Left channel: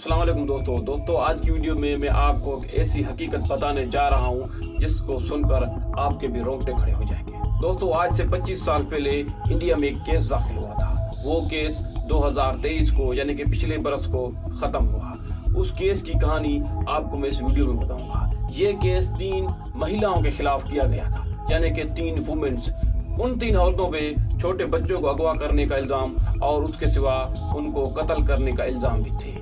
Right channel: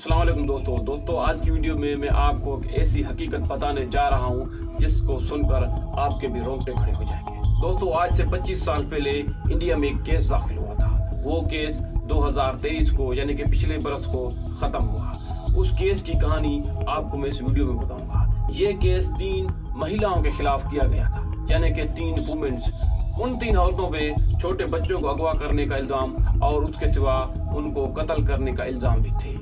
अस्सलाम वालेकुम दोस्तों आज की वीडियो में मैं आपको एक ऐसी हकीकत बताने जा रहा हूं जिसको सुनकर आपके भी रोंगटे खड़े हो जाएंगे। दोस्तों आज से 25 साल पहले इंडिया में एक केस दाखिल हुआ था। वो केस 2023 को यानी कि पिछले बरस को ख़त्म हुआ। उस केस की कहानी आपको मैं इस वीडियो में बताऊंगा। ये केस 3 महिलाओं के खिलाफ किया गया था, यानी कि 3 वुमेन्स। उन 3 औरतों पे छोटे बच्चों को अगवा करने का इल्ज़ाम और उसके सिवा उनको कत्ल करने का इल्ज़ाम भी थे।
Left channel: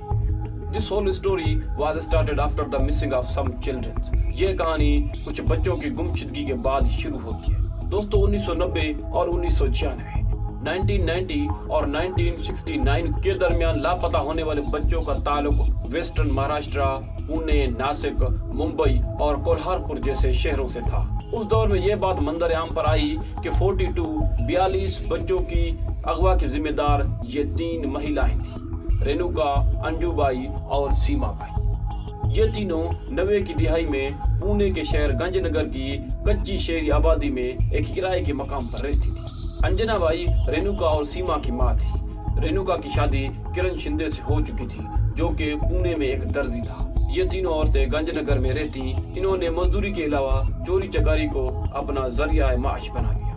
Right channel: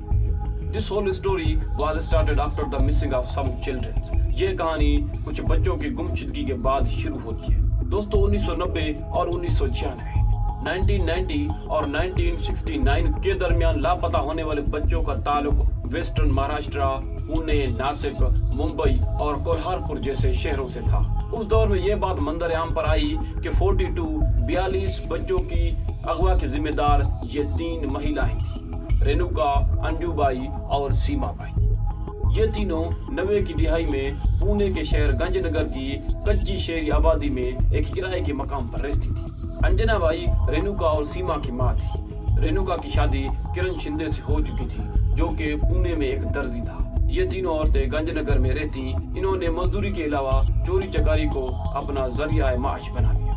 This whole story was started after the missing of some children. ये कहानी कुछ बच्चों की गुमशुदगी के बाद शुरू होती है। दोस्तों 1990 और 1996, 1990 और 1969 के दरमियान लापता होने वाले बच्चों का ताल्लुक वेस्टर्न महाराष्ट्र, पुणे, नासिक, मुंबई और कोल्हारपुर जैसे शहरों से था। उस दौर में ये बात मंजर आम पर आई कि 42 बच्चों की अगवा की जिम्मेदार ये 3 महिलाएं थी, रेणुका, अंजुबाई और सीमा बाई। ये तीनों 90 की दिहाई में पुणे के शहर गंजनगर की कच्ची शहरी आबादी में एक किराए के मकाम पर रहती थी। अंजना बाई रेणुका और सीमा की माँ थी। रेणुका की शादी किरण शिंदे से हो चुकी थी, जो कि पुणे में एक दर्जी था। ये तीनों औरतें गंजनगर में रहती। इन्होंने मजदूरी के अलावा चोरी चकारी को अपना जरिया माश बना लिया।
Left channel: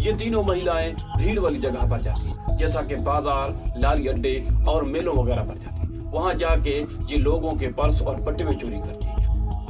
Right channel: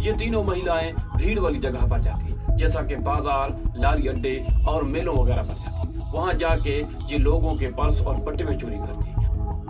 ये तीनों महिलाएं भीड़ वाली जगह पर जाती, जैसा कि बाजार, लारी अड्डे और मेलों वगैरह पर जाती। वहां जाके ये लोगों के पर्स और बट्टे में चोरी करती।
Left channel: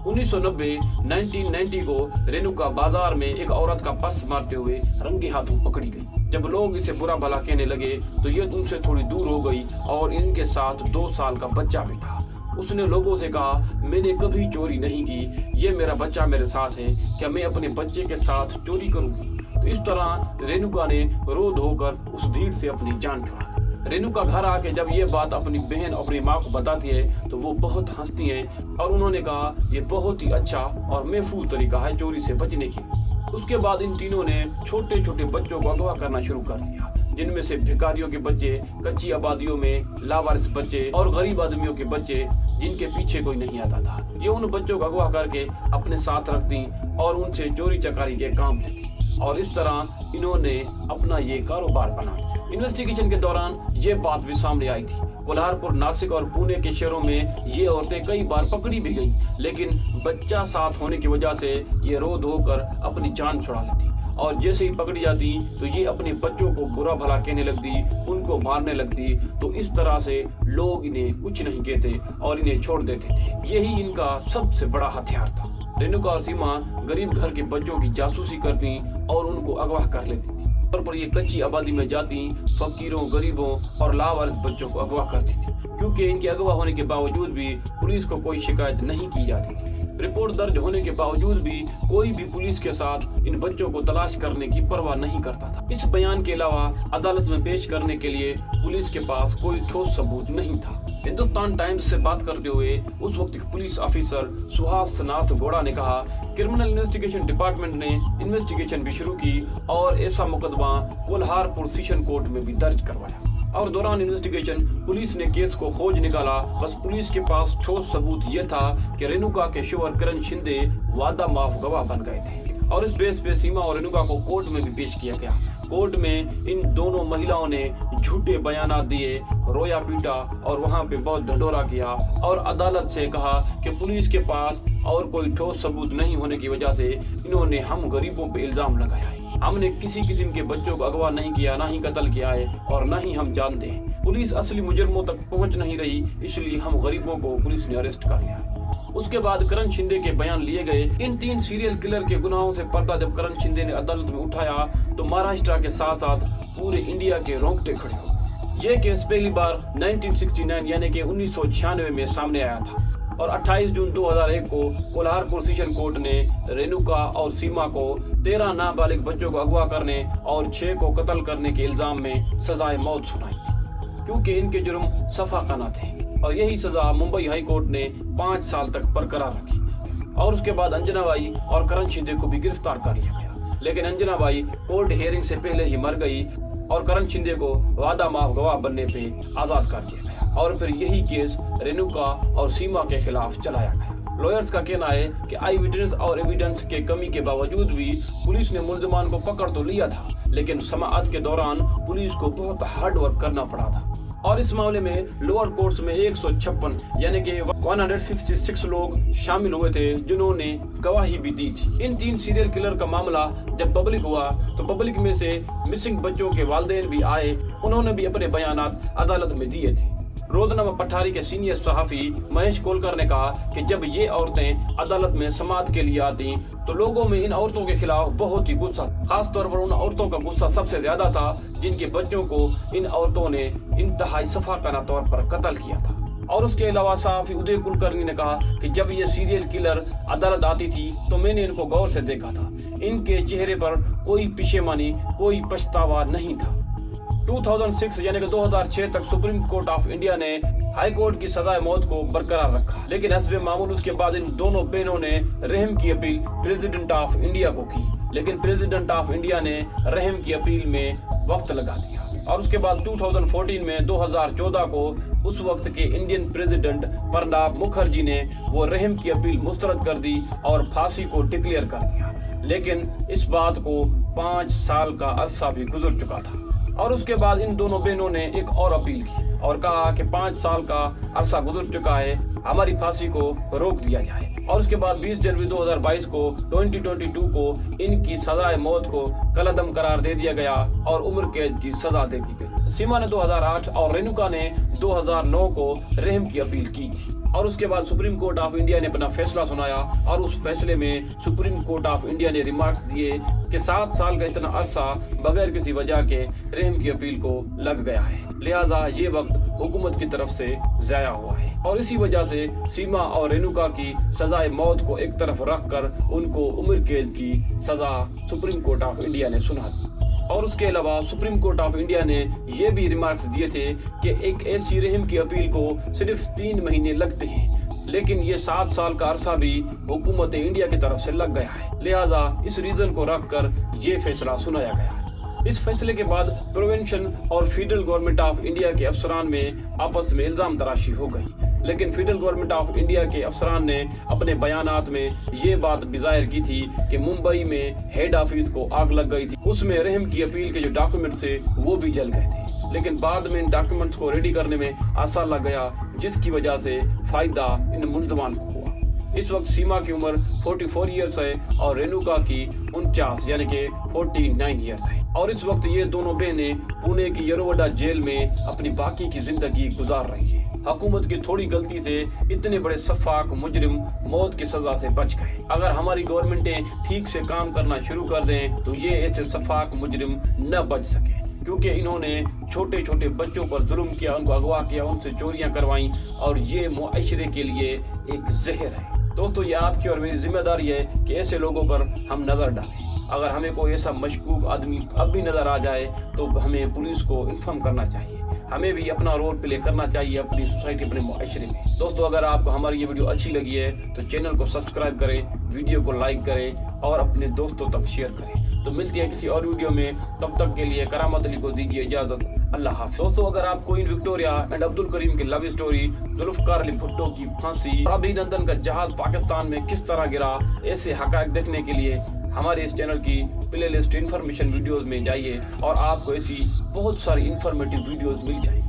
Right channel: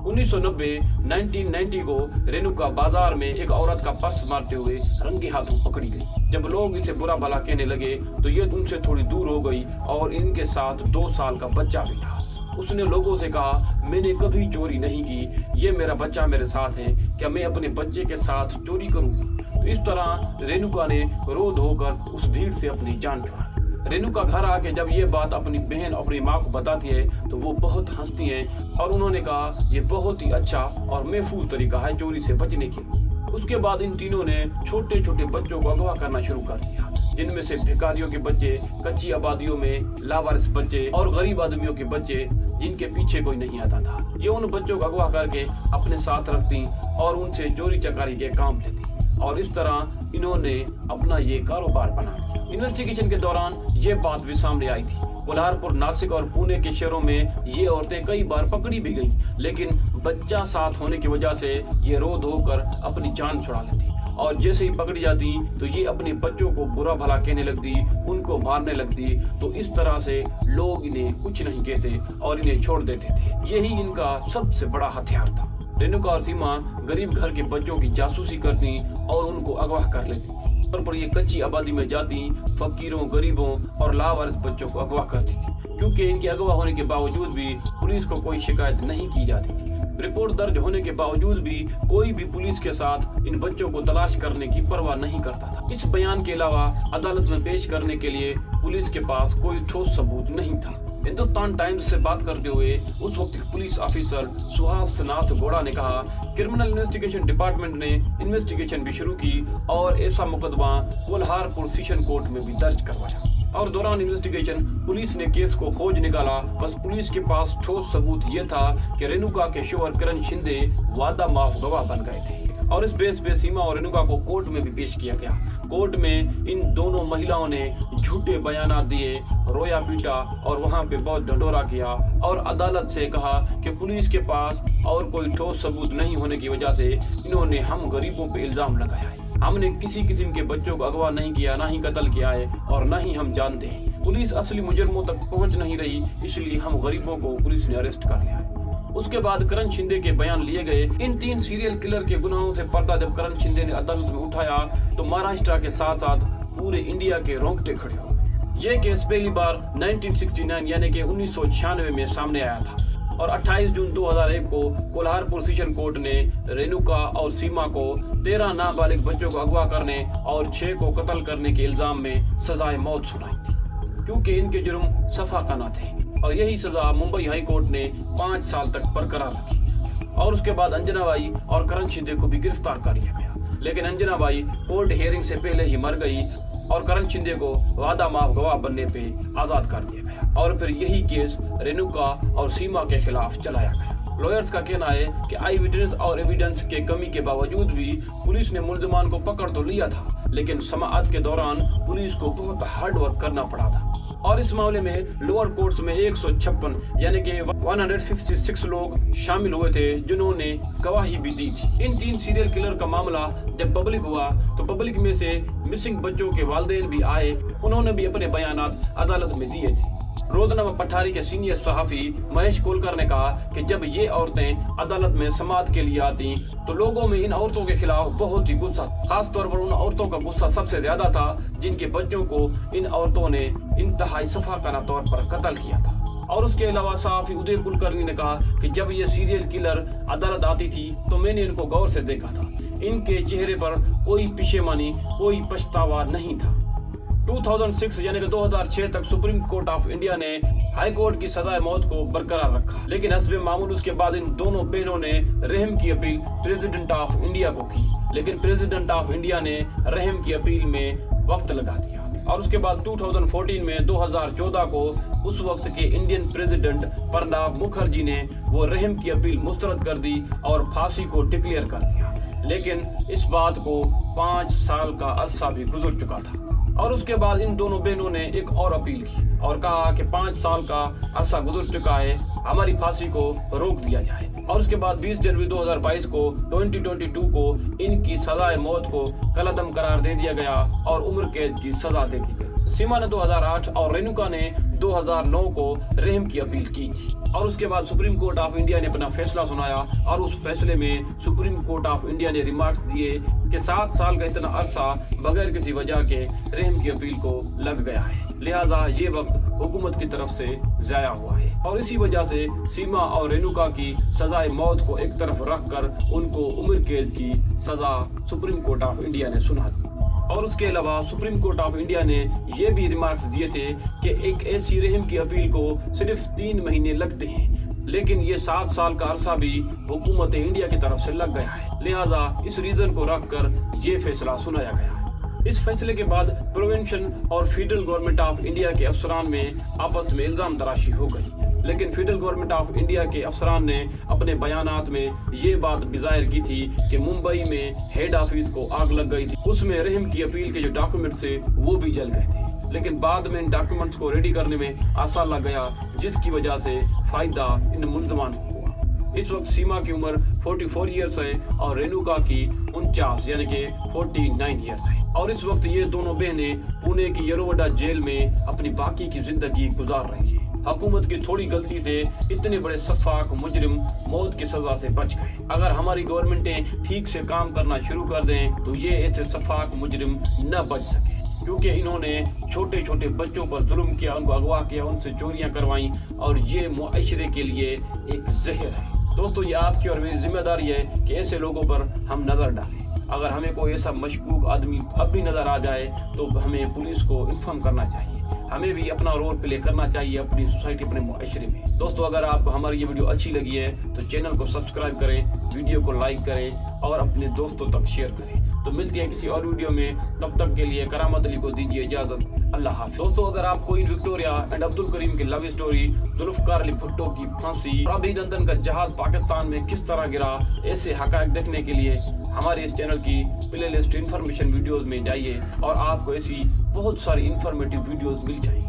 1990 को रेणुका बाजार में एक औरत का पर्स मारते हुए रंगे हाथों पकड़ी गई। जब लोग इसे बुरा भला कहने लगे तो ये उनसे थोड़ी दूर हो गई और इनके साथ 2 साल का बच्चा भी था। उसने लोगों से कहा, मैंने कभी चोरी नहीं की, ये मेरा बच्चा मेरे साथ है, क्या मैं अपने बच्चे के साथ चोरी करूंगी? तो इस तरह रेणुका ने रो धोकर उस भीड़ से अपनी जान छुड़ा। रेणुका घर आके जब ये बात अपनी बहन और अपनी माँ को बताती है तो वो बहुत हंसती हैं और उन्होंने कहा, ये बहुत ही अच्छा और महफूज तरीका है चोरी से बचने की। उसके बाद इन तीनों ने छोटे छोटे बच्चों को अगवा करना शुरू कर दिया, जिनमें से भिखारियों के बच्चे, कच्ची आबादियों में लावारिस बच्चे और गरीब आदमियों के बच्चे जिनके पीछे कोई नहीं आता था। ये उन बच्चों को अगवा करके अपने साथ रखती और उनसे चोरी चकारी के काम लेती और इस तरह इन्होंने अपना ये कारोबार बना लिया। इन्वेस्टिगेशन के दौरान ये बात भी सामने आई थी। कोल्हारपुर, नासिक और पुणे के शहरों में ये औरतें कई बार पकड़ी भी गईं, लेकिन बच्चा साथ होने की वजह से ये रो धोकर अपनी जान छुड़ा लेती और जैसे ही पकड़ी जाती तो ये अपने बच्चों को बुरा भला कहने लगती, उनको मारने लगती। तो इस तरह से लोग इन्हें कुछ नहीं कहते और इन्हें छोड़ देते थे। यही इनका सबसे बड़ा हथियार था। रेणुका और सीमा गरीब घर के बच्चों की जासूसी करती और उनको अगवा कर लेती। तौर पर ये कच्ची आबादी में जाती, फकीरों, गरीबों और लावारिस बच्चों को अगवा करती थी। क्योंकि इनके अगवा होने के बावजूद भी पुलिस को कोई शिकायत नहीं की जाती थी। रिपोर्ट दर्ज होने के बावजूद भी कोई भी पुलिस के साथ इन बच्चों को तलाश करने की परवाह नहीं करता था। इस बयान के अलावा अदालत में पेश करने के लिए पुलिस के पास कोई ठोस सबूत नहीं था। हिंदुस्तान टाइम्स से बात करते हुए उस वक्त पुलिस ऑफिसर सुहास नाथ गौड़ा ने कहा, क्रिमिनल इन्वेस्टिगेशन डिपार्टमेंट ने इन्वेस्टिगेशन भी शुरू की और ऐसा मुकदमा कोल्हारपुर सेशन कोर्ट में भी दर्ज करवाया। और दौरान इन्वेस्टिगेशन पुलिस ने केस को खोज निकाला। बस पुलिस के पास ठोस सबूत ये था कि रेणुका के शोहर किरण शिंदे वादा माफ गवाह बन गए थे और इस बेस पे सीमा और रेणुका को कोर्ट में भी पेश किया गया। कोर्ट में इन दोनों महिलाओं ने झूठे बयानात दिए, रोया पीटा और वहां पे बहुत ढंढोरा किया और अदालत से कहा कि पुलिस के पास और कोई ठोस सबूत नहीं होने की वजह से इन्होंने हम गरीबों पे इल्जाम लगाया है। हमने किसी किस्म के बच्चों को अगवा नहीं किया, ना ही कत्ल किया है और ना ही हम जानते हैं। पुलिस असली मुजरिमों तक पहुंच नहीं रही, इसलिए हम गरीबों को पुलिस ने अरेस्ट कर लिया है। उसके बाद किरण शिंदे के बयान लिए गए। इन 3 सीरियल किलर के गुनाहों से पर्दा जब किरण शिंदे ने अदालत में उठाया तो महाराष्ट्र के साथ साथ पूरे इंडिया के रोंगटे खड़े हो गए। ये केस पहली बार 1969 यानी कि 1996 में सामने आया था और 28 जून 2001 को कोल्हारपुर सेशन कोर्ट ने रेणुका और सीमा को 13 नाबालिग बच्चों को अगवा करने और 6 को कत्ल करने के इल्जाम में सजाए मौत सुनाई थी, क्योंकि इनके जुर्म सफाकाना थे। और यही सजा मुंबई हाई कोर्ट ने 5 साल तक बरकरार रखी और उसके बाद अंजना बाई और किरण शिंदे को भी गिरफ्तार कर लिया गया। लेकिन अंजना बाई कोर्ट हियरिंग से पहले ही मर गई और किरण शिंदे को वादा माफ गवाह बनने पे आजाद कर दिया गया और फिर यही केस रेणुका और सीमा के खिलाफ चलाया गया। लॉयर्स का कहना है कि आई विटनेस और एविडेंस के कमी के बावजूद भी पुलिस ने मुल्जिमान को पकड़ तो लिया था, लेकिन समाअत के दौरान पुलिस को बहुत हार्ड वर्क करना पड़ा था। और इस मामले में लोअर कोर्ट्स में 156 यानी कि 156 लोग शामिल हुए थे जिन्होंने गवाही भी दी थी। इन 3 सीरियल किलर का मामला जब पब्लिक हुआ तो पब्लिक में से मिसिंग बच्चों के वालिदैन भी आए, उन्होंने भी अपने बयानात अदालत में दिए थे। रोजनामा पठारी के सीनियर सहाफी महेश कोलकर ने कहा कि जब ये औरतें अदालत में समाअत के लिए आती तो लोगों में इन औरतों के खिलाफ बहुत ही गुस्सा, खास तौर पर उन औरतों का गुस्सा सबसे ज्यादा था जिनके बच्चों को इन औरतों ने इंतहाई सफाकाना तौर पर कत्ल किया था। और उसके अलावा सहाफी उदय कुलकर्णी ने कहा कि जब ये सीरियल किलर अदालत आती थी तो मैंने इनको गौर से देखा था, इनके चेहरे पर कोई पशेमानी, कोई पछतावा नहीं था। 2006 यानी कि 2006 तक सुप्रीम कोर्ट ऑफ इंडिया ने हाई कोर्ट की सजाए मौत को बरकरार रखा, लेकिन हस्बे मामूल उसके बाद इन दोनों बहनों ने रहम की अपील प्रेसिडेंट ऑफ इंडिया को की, लेकिन प्रेसिडेंट ऑफ इंडिया ने रहम की अपील में वक्त लगा दिया। और उसके बाद 2014 में 2014 को उस वक्त के इंडियन प्रेसिडेंट प्रणब मुखर्जी ने वो रहम की अपील मुस्तरद कर दी और फांसी को डिक्लेयर कर दिया, लेकिन इस बात को 5 साल का अरसा भी गुजर चुका था। और उसके बाद इन दोनों बहनों ने एक और अपील की और कहा कि 5 साल का अरसा गुजर चुका है, हमारी फांसी को रोक दिया जाए। और उसके बाद 20 जनवरी 2022 को 2022 को इनकी सजाए मौत को कलअदम करार दे दिया गया और उम्र कैद की सजा दे दी गई। सीमा ने 2008 और रेणुका ने 2009 को रहम की अपील की थी। और उसके बाद सुप्रीम कोर्ट ऑफ इंडिया ने अपना फैसला सुनाया और उस फैसले में सुप्रीम कोर्ट ऑफ इंडिया ने रिमार्क्स दिए कि 7 साल का इतना अरसा बगैर किसी वजह के रहम की अपील को लग गया है, लिहाजा ये वक्त हुकूमत की तरफ से जाया हुआ है। और इसी वजह से सीमा और रेणुका की सजाए मौत को एक तरफ रखकर उनको उम्र कैद की सजा सुप्रीम कोर्ट ऑफ इंडिया ने सुना दी। और उसके अलावा सुप्रीम कोर्ट ऑफ इंडिया ने ये भी रिमार्क्स दिए थे कि एक ऐसी रहम की अपील को सिर्फ 3 महीने लगते हैं, लेकिन ये 7 साल का अरसा भी हुकूमत इंडिया की तरफ से लग गया है, लिहाजा इस रीजन को रखकर ये फैसला सुनाया गया। इस फैसले के बाद प्रोविंशियल और फेडरल गवर्नमेंट ऑफ इंडिया के अफसरान में आपस में इल्जाम तराशी हो गई, लेकिन फेडरल गवर्नमेंट ऑफ इंडिया के अफसरान ने अपने बयानात में ये बात भी जाहिर की थी कि मुंबई में हेड ऑफिस को आग लग गई थी, उसमें रहम की अपील के जो डॉक्यूमेंट्स थे वो भी जल गए थे, लेकिन बाद में इन डॉक्यूमेंट्स को रेडी करने में आसार लग गया, जिसकी वजह से फायदा इन मुलजमान को हुआ। इस वक्त सीमा की उम्र 44 ईयर्स है और रेणुका की 49 यानी कि 49 ईयर्स है। और इस वक्त ये दोनों बहनें पुणे की यरोवडा जेल में अपनी बाकी की जिंदगी गुजार रही है। हुकूमत की थोड़ी गलती से इतने बड़े सफाक मुजरिम मौत की सजा से बच गए। अगर हमारी गवर्नमेंटें ठीक से काम करना शुरू कर दें तो ये ऐसे सफाक मुजरिम न बच सके, क्योंकि इन्होंने छोटे छोटे बच्चों पर जुल्म किया, उनको अगवा किया, उनसे चोरियां करवाई और ये मुआशरे के लिए एक जहर है। दोस्तों, ये आपकी और मेरी जिम्मेदारी है कि ऐसे लोगों पर हम नज़र डालें। अगर हमें कोई ऐसा मशकूक आदमी अब भी नज़र आ जाए तो हमें पुलिस को इन्फॉर्म करना चाहिए, हमें भी अपना रोल प्ले करना चाहिए अपनी सोसाइटी, अपने मुआशरे में। दोस्तों, अगर आपको हमारी ये वीडियो अच्छी लगी है तो चैनल को सब्सक्राइब करें, वीडियो को लाइक करें और अपने दोस्तों तक शेयर करें। तो मिलती है किसी और वीडियो में, तब तक के लिए करामत अली को दीजिए इजाजत। अल्लाह हाफिज़। दोस्तों, अगर आप queen Victoria and Abdul Karim की लव स्टोरी, जुल्फकार अली भुट्टो की फांसी, अभिनंदन का जहाज पाकिस्तान में किस तरह गिरा, ऐसे हकायक देखने के लिए हमारे इस चैनल की प्ले लिस्ट इन्फॉर्मेशन वीडियोज़ में जाइए और आपको ऐसी बहुत सारी इन्फॉर्मेटिव वीडियोज़ मिल जाएंगी।